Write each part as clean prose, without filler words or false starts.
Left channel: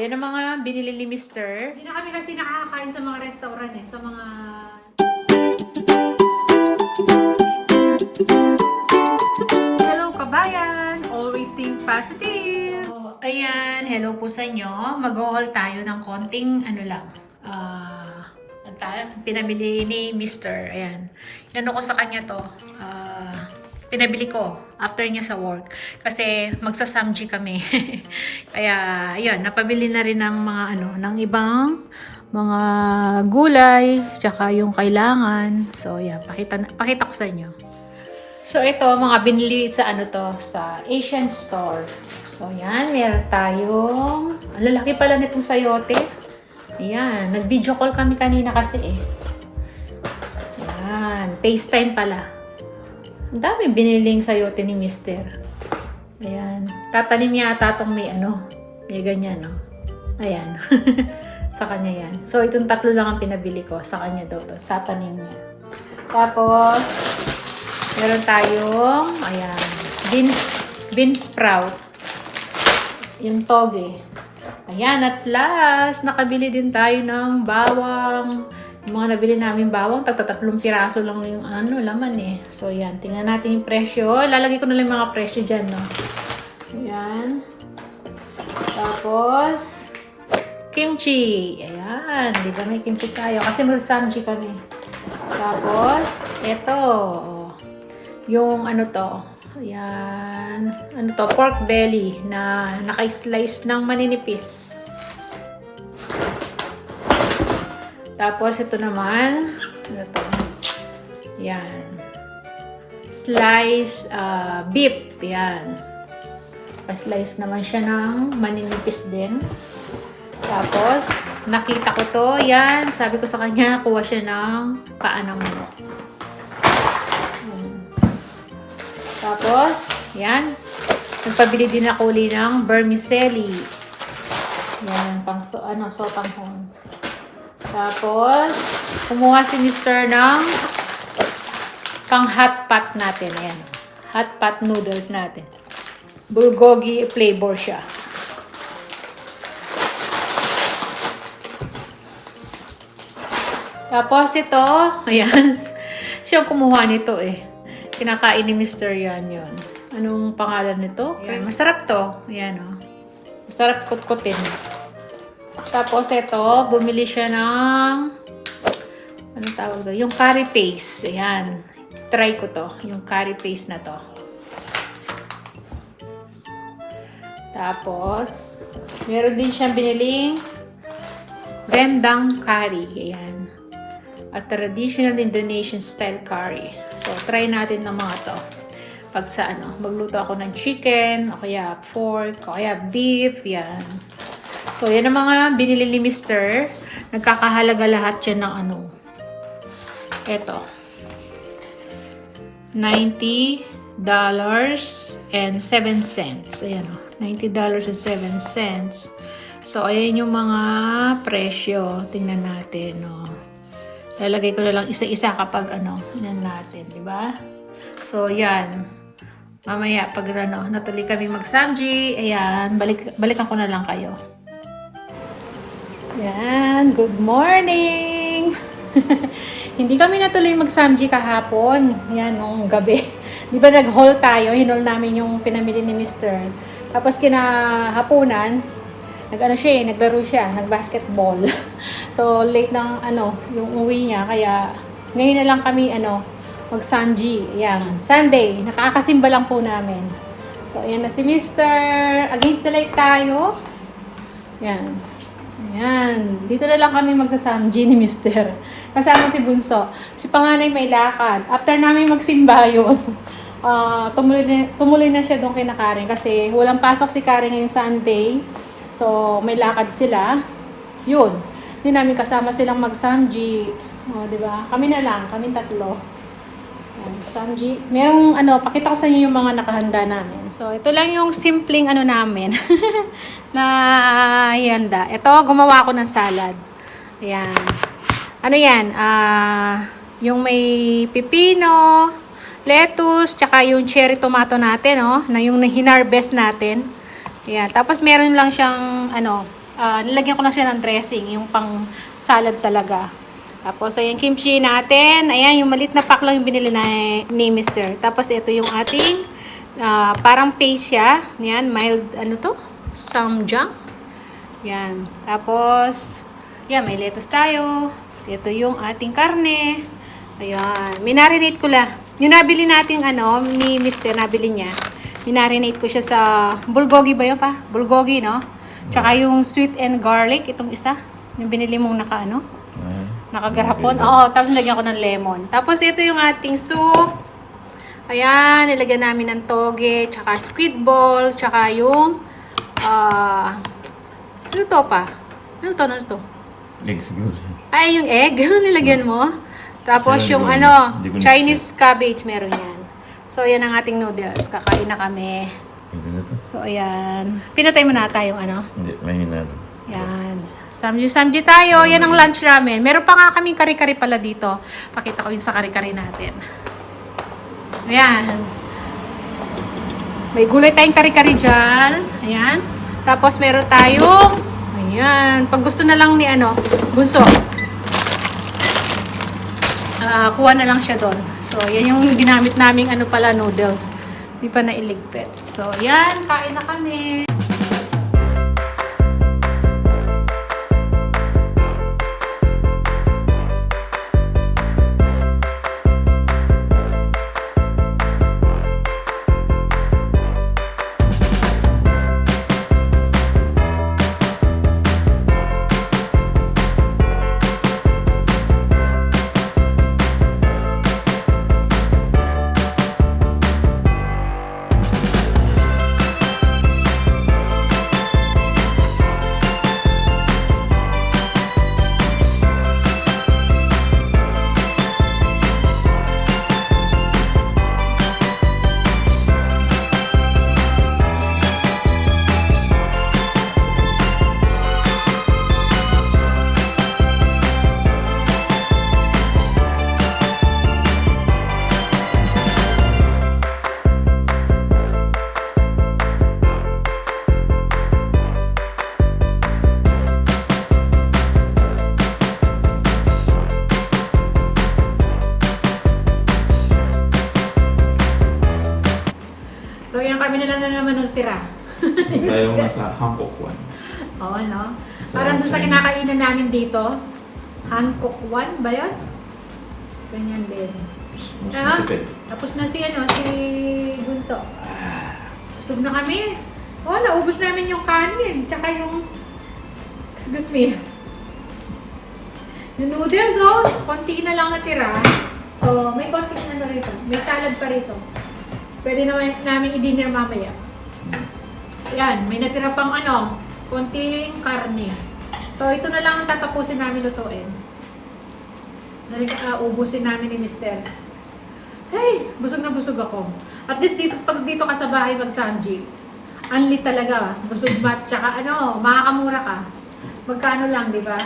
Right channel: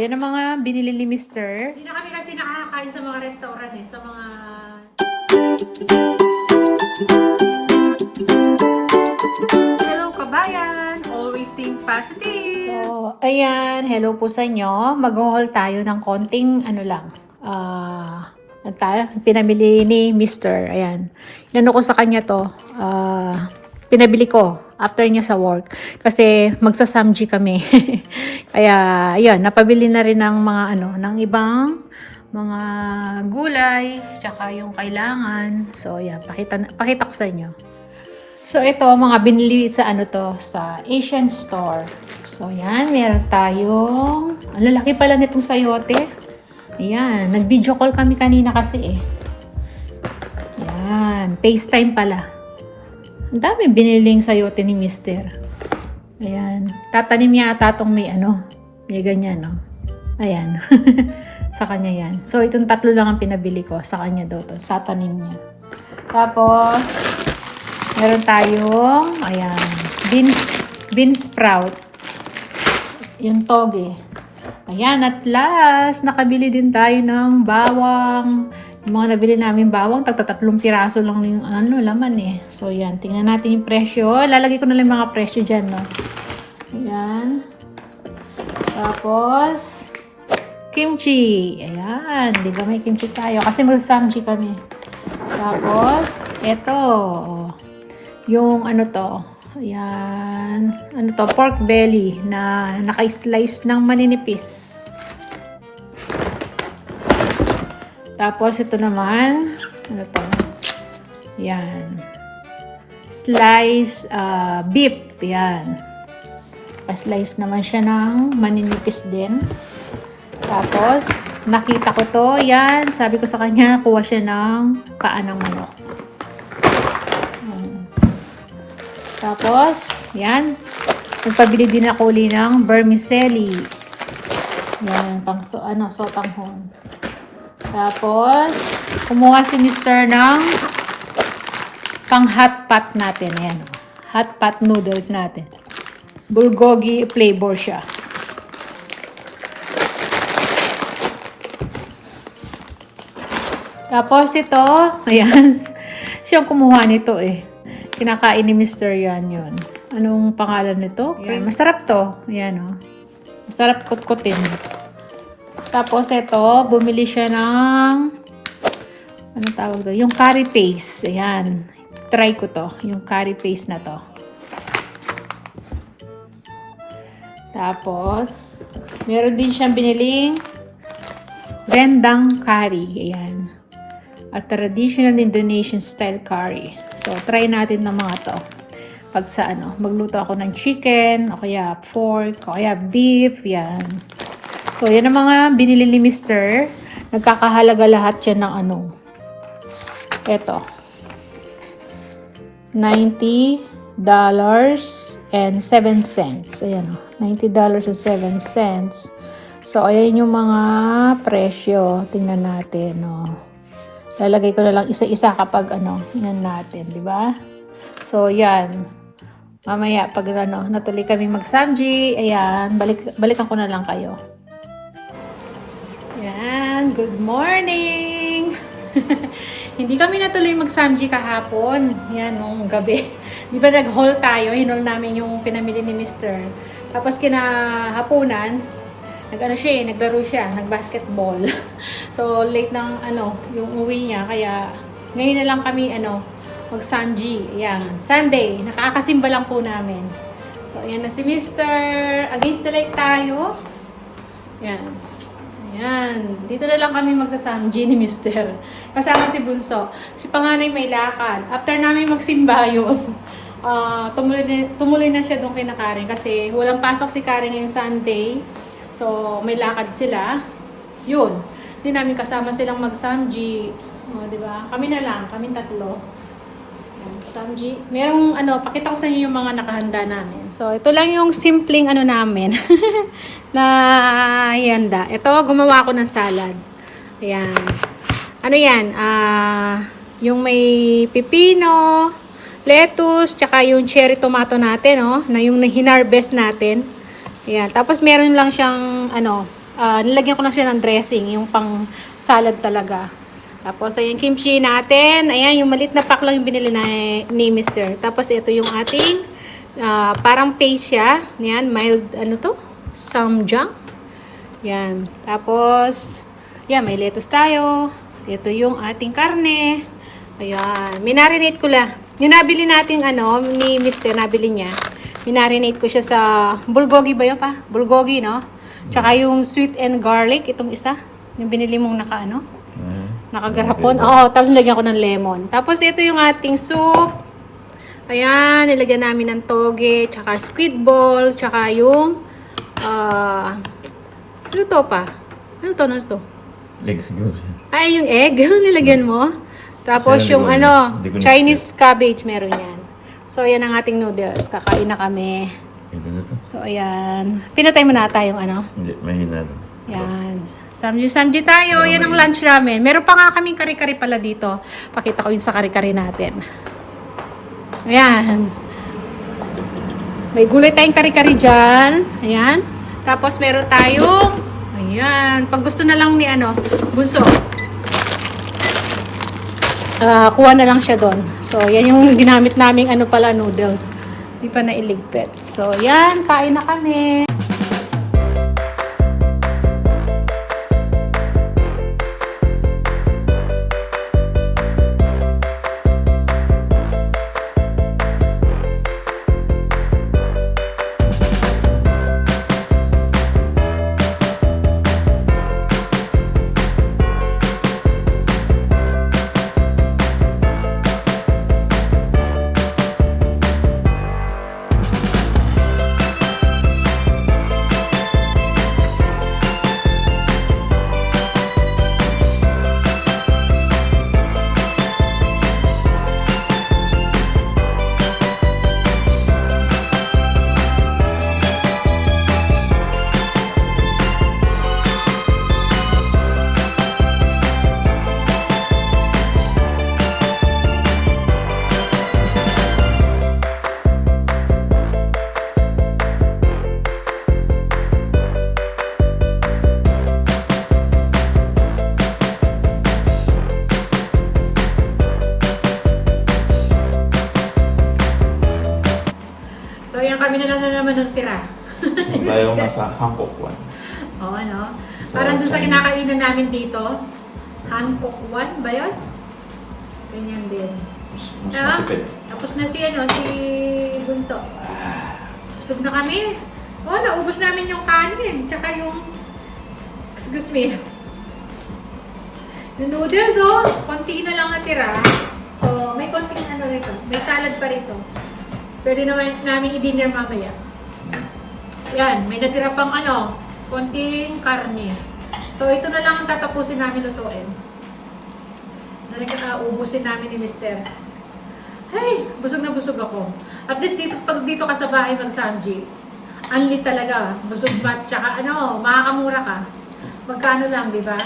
yan ang mga binili ni Mister. Hindi na kami kasi nakakakain sa mga restaurant sa mga... Hello kabayan! Always think positive! So, ayan, hello po sa inyo. Mag-haul tayo ng konting pinamili ni Mister. Ayan. Inano ko sa kanya to. Pinabili ko after niya sa work. Kasi magsasamji kami. Kaya, ayan, napabili na rin ng mga ng ibang mga gulay, tsaka yung kailangan. So, ayan, pakita ko sa inyo. So, ito, mga binili sa sa Asian store. So, ayan, meron tayong, ang lalaki pala nitong sayote. Ayan, nag-video call kami kanina kasi eh. Ayan, FaceTime pala. Ang dami biniling sayote ni Mister. Ayan, tatanim yata itong may may ganyan, no? Ayan, sa kanya yan. So, itong tatlo lang ang pinabili ko. Sa kanya daw to, tatanim niya. Tapos, meron tayong, ayan, bean sprout. Yung toge. Ayan, at last, nakabili din tayo ng bawang. Yung mga nabili namin bawang, tagtatatlong piraso lang yung laman eh. So, ayan, tingnan natin yung presyo. Lalagay ko na lang yung mga presyo dyan, no? Ayan. Tapos, kimchi. Ayan, di ba may kimchi tayo? Kasi magsasamji kami. Tapos, eto. Yung ayan, pork belly na naka-slice ng maninipis. Tapos ito naman, yan, slice beef, yan. Pa-slice naman siya ng maninipis din. Tapos, nakita ko to, yan, sabi ko sa kanya, kuha siya ng paa ng manok. Tapos, yan. Nagpabili din ako uli ng vermicelli. Yan, pang sotanghon. Tapos, kumuha si Mister ng pang hot pot natin. Yan. Hot pot noodles natin. Bulgogi flavor siya. Tapos ito, ayan, siyang kumuha nito eh. Kinakain ni Mr. yan yun. Anong pangalan nito? Ayan, masarap to. Ayan o. Masarap kutkutin. Tapos ito, bumili siya ng anong tawag doon? Yung curry paste. Ayan. Try ko to. Yung curry paste na to. Tapos, meron din siyang biniling rendang curry. Ayan. A traditional Indonesian style curry. So, try natin ng mga to. Pag sa magluto ako ng chicken, o kaya pork, o kaya beef, yan. So, yan ang mga binili ni Mister. Nagkakahalaga lahat yan ng eto. $90.07. Ayan o. $90.07. So, ayan yung mga presyo. Tingnan natin, o. Lalagay ko na lang isa-isa kapag yan natin, di ba? So, yan. Mamaya, pag natuloy kami mag-samji, ayan, balikan ko na lang kayo. Yan, good morning! Hindi kami natuloy mag-samji kahapon. Yan, nung gabi. Di ba nag-haul tayo? Hinol namin yung pinamili ni Mister. Tapos kinahaponan, naglaro siya, nag-basketball. So, late ng yung uwi niya. Kaya, ngayon na lang kami, mag-samji. Ayan, Sunday. Nakakasimba lang po namin. So, ayan na si Mister. Against the light tayo. Ayan. Ayan. Dito na lang kami magsasamji ni Mister. Kasama si Bunso. Si Panganay may lakad. After namin magsimba yun, tumuloy na siya doon kay Karen. Kasi walang pasok si Karen ngayong Sunday. So, may lakad sila. Yun. Hindi namin kasama silang mag-samji. O, diba? Kami na lang. Kami tatlo. Samji. Merong pakita ko sa inyo yung mga nakahanda namin. So, ito lang yung simpleng namin. na handa. Ito, gumawa ako ng salad. Ayan. Ano yan? Yung may pipino, lettuce, tsaka yung cherry tomato natin, na yung hinarvest natin. Ayan. Tapos meron lang siyang Nilagyan ko lang siya ng dressing, yung pang salad talaga. Tapos, ayan, kimchi natin. Ayan, yung maliit na pack lang yung binili na ni Mr. Tapos, ito yung ating parang paste siya. Ayan, mild, ano to? Samjang. Ayan. Tapos, ayan, may lettuce tayo. Ito yung ating karne. Ayan. Minarinate ko lang. Yung nabili nating ano, ni Mr. Nabili niya. Minarinate ko siya sa bulgogi ba yun pa? Bulgogi, no? Tsaka yung sweet and garlic, itong isa. Yung binili mong nakagarapon. Oo, tapos nilagyan ko ng lemon. Tapos ito yung ating soup. Ayan, nilagyan namin ng toge, tsaka squid ball, tsaka yung ano to pa? Ano to? Legs siguro. Ay, yung egg, nilagyan mo. Tapos Sayang, yung hindi ko ano, hindi ko Chinese cabbage meron yan. So, ayan ang ating noodles. Kakain na kami. Ito na to. So, ayan. Pinatay mo na tayong ano. Hindi, mahina lang. Yan. Samji tayo. Yan ang lunch namin. Meron pa nga kaming kari-kari pala dito. Pakita ko yung sa kari-kari natin. Ayan. May gulay tayong kari-kari dyan. Ayan. Tapos meron tayong ayan. Pag gusto na lang ni ano, bunso. Kuha na lang siya doon. So, yan yung ginamit naming ano pala, noodles. Di pa nailigpit. So, yan. Kain na kami. So, yan kami na naman ng tira. Tayo nga sa Hankook one. Oo, no? So, Parang doon sa Chinese. kinakainan namin dito. Hancock One ba yun? Ganyan din. Mas Ah, matipid. tapos na si Bunso. Busog na kami. Oh, naubos namin yung kanin. Tsaka yung, excuse me, yung noodles, oh. Konti na lang natira. So, may konti na rito. May salad pa rito. Pwede namin i-dinner mamaya. Yan, may natira pang ano, konting karne. So, ito na lang ang tatapusin namin lutuin. Ubusin namin ni Mr. Hey, busog na busog ako. At least dito, pag dito ka sa bahay mag-samji, unli talaga. Busog mat, tsaka ano, makakamura ka. Magkano lang, di ba?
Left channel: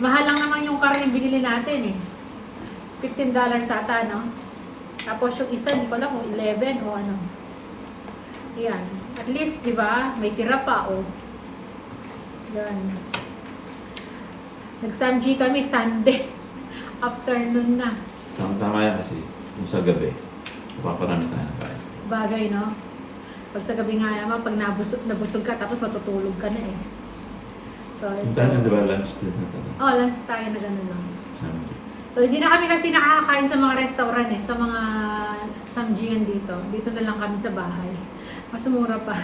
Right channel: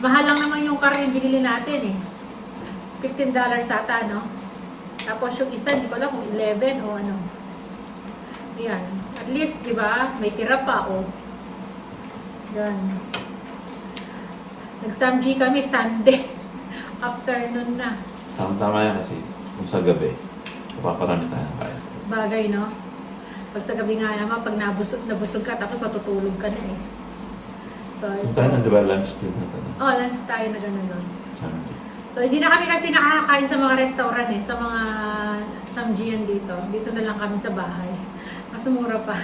Mahal lang naman yung curry yung binili natin eh. $15 ata, no? Tapos yung isa, hindi ko alam kung 11 o ano. Yan. At least, di ba? May tira pa, oh. Yan. Nag-samji kami Sunday. Afternoon na. Tama yan kasi yung sa gabi, paparami tayo ng kain. Bagay, no? Pag sa gabi nga naman, pag nabusog ka, tapos matutulog ka na eh. So, Yung tayo na diba lunch din na tayo? oh, lunch tayo na gano'n, no? Sunday. So, hindi na kami kasi nakakakain sa mga restaurant eh, sa mga samjian dito. Dito na lang kami sa bahay. Mas mura pa.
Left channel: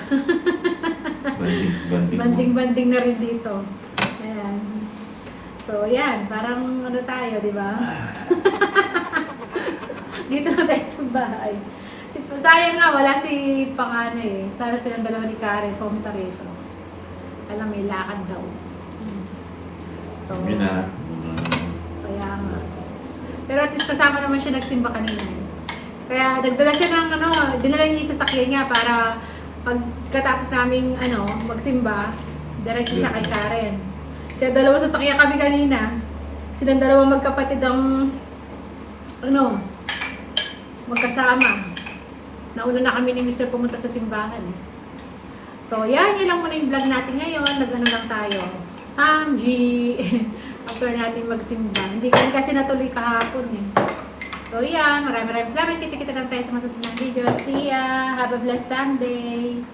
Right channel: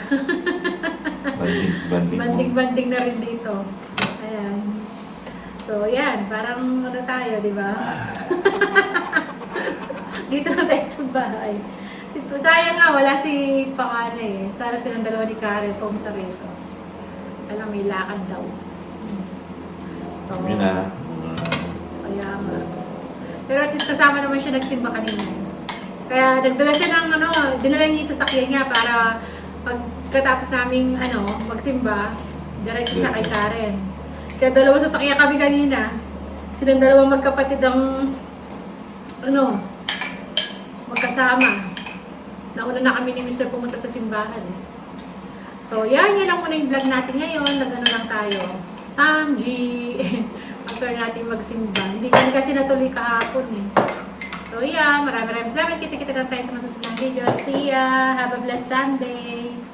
Banding mo. Banding-banding na rin dito. Ayan. So, yan. Parang ano tayo, di ba? Dito na tayo sa bahay. Sayang nga, wala si Panganay eh. Sana silang dalawa ni Karen, pumunta rito. Alam, may lakad daw. So, Yun na. kaya nga. Pero at least kasama naman siya nagsimba kanina eh. Kaya nagdala siya ng ano, dinala niya yung sasakyan niya para pagkatapos naming ano, magsimba, diretso siya kay Karen. Kaya dalawa sasakyan kami kanina. Silang dalawa magkapatid ang ano, magkasama. Nauna na kami ni Mr. pumunta sa simbahan. So, yan lang muna yung vlog natin ngayon. Nag-ano lang tayo. Samji. After natin magsimba. Hindi kami kasi natuloy kahapon eh. So, yan. Maraming salamat. Kita-kita lang tayo sa masusunod video. See ya! Have a blessed Sunday!